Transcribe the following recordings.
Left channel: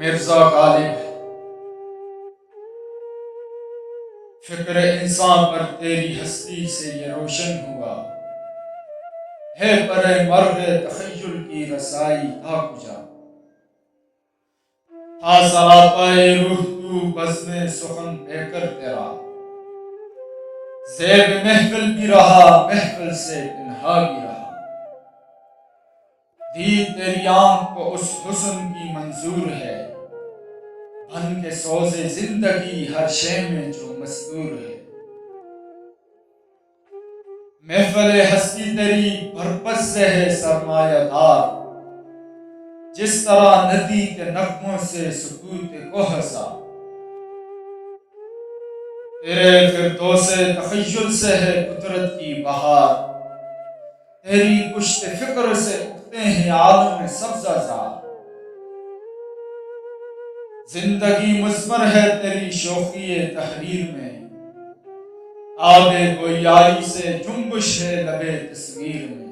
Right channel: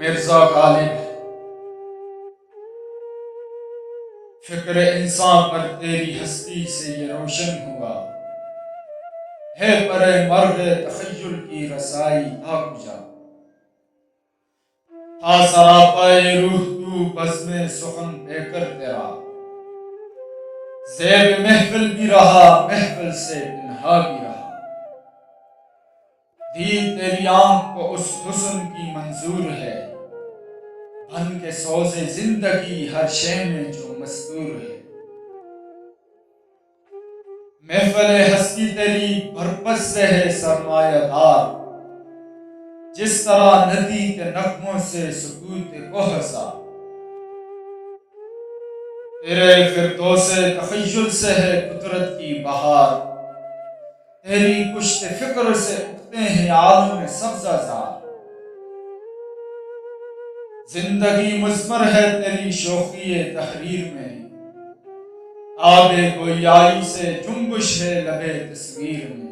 مرزا غالب، فکر انسان پر تیری ہستی سے یہ روشن ہوا ہے، پر مرغ تخیل کی رسائی تھا کجا؟ تھا سراپائے روح تو بزم سخن پہ کر تیرا، زیب محفل بھی رہا محفل سے پنہا بھی رہا، دی تیری آنکھ کو اس حسن کی منظور ہے، بن کے سوز زندگی ہر شے میں جو مستور ہے۔ محفل ہستی تیری بھرپس سے ہے سرمایہ دار، جس طرح ندی کے نغموں سے سکوت کو ہسا، تیرے فردوس تخیل سے ہے قدرت کی بہار، تیری کشت فکر سے اگتے ہیں عالم سبزہ زار، زندگی مضمر ہے تیری شوخی تحریر میں، آب گویائی سے جنبش ہے لب تصویر میں،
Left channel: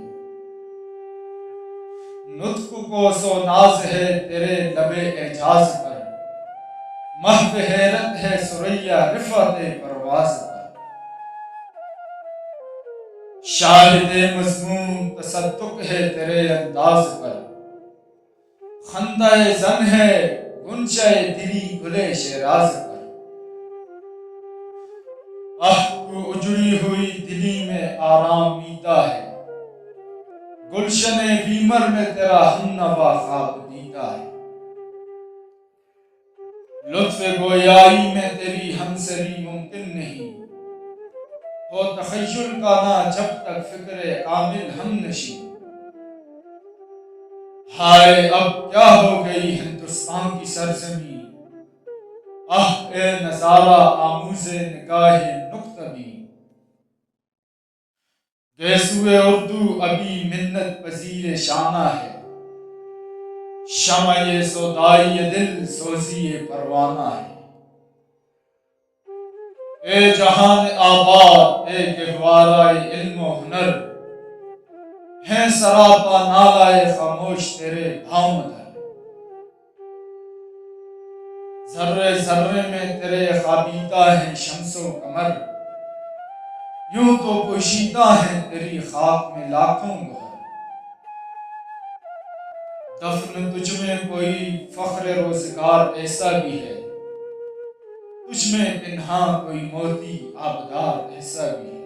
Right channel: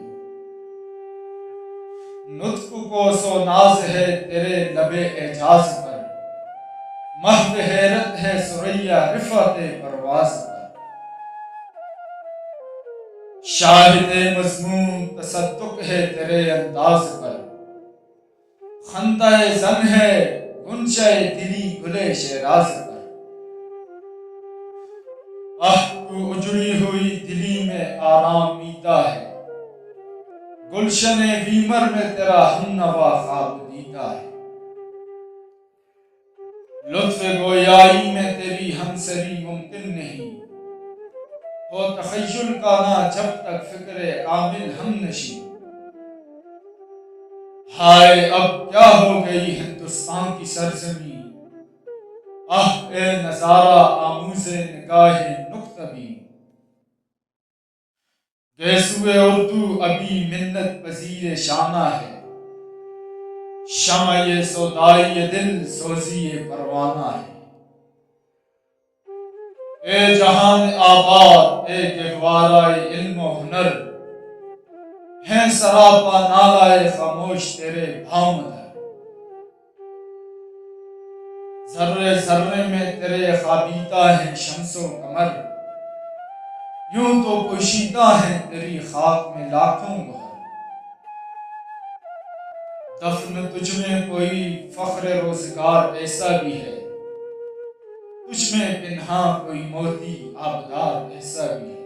نطق کو سو ناز ہے تیرے لب اعجاز پر، محو حیرت ہے ثریا رفعت پرواز پر، شاہد مضمون تصدق ہے تیرے انداز پر، خندہ زن ہے غنچہ دلی گلے شیراز پر، تو اجڑی ہوئی دلی میں آرامیدہ ہے، گلشن بیمر میں تیرا ہم نوا خواب دیدہ ہے، لطف گویائی میں تیری ہمسری ممکن نہیں، ہو تخیل کا نہ جب تک فکر کامل ہم نشیں، ہائے اب کیا ہو گئی ہندوستان کی سرزمین، اے نظارہ آموز نگاہ نکتہ بین، گیسوئے اردو ابھی منت پذیر شانہ ہے، شمع سودائی دل سوزی پروانہ ہے، اے جہان آباد اے گہوارہ علم و ہنر، ہیں سراپا نالائے خاموش تیرے بھاؤں در، ذرے ذرے میں تیرے خوابیدہ ہیں شمس و قمر، یوں تو پوشیدہ ہیں تیری خاک میں لاکھوں گوہر، دفن تجھ میں کوئی فخر روزگار ایسا بھی ہے، تجھ میں پنہاں کوئی موتی آبدار ایسا بھی ہے۔